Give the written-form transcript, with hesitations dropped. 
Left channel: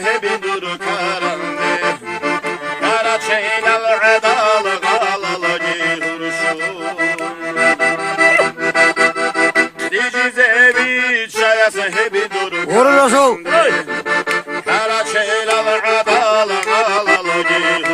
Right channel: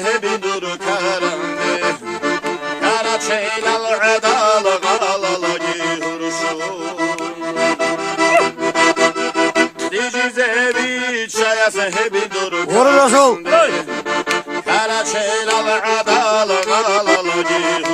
hebi dur karandı. Kara çeylal adalı galala gihurşu. Dicize bir çayası hebi dur Vurur Resul. Kara çeylal adalı galala gihurşu.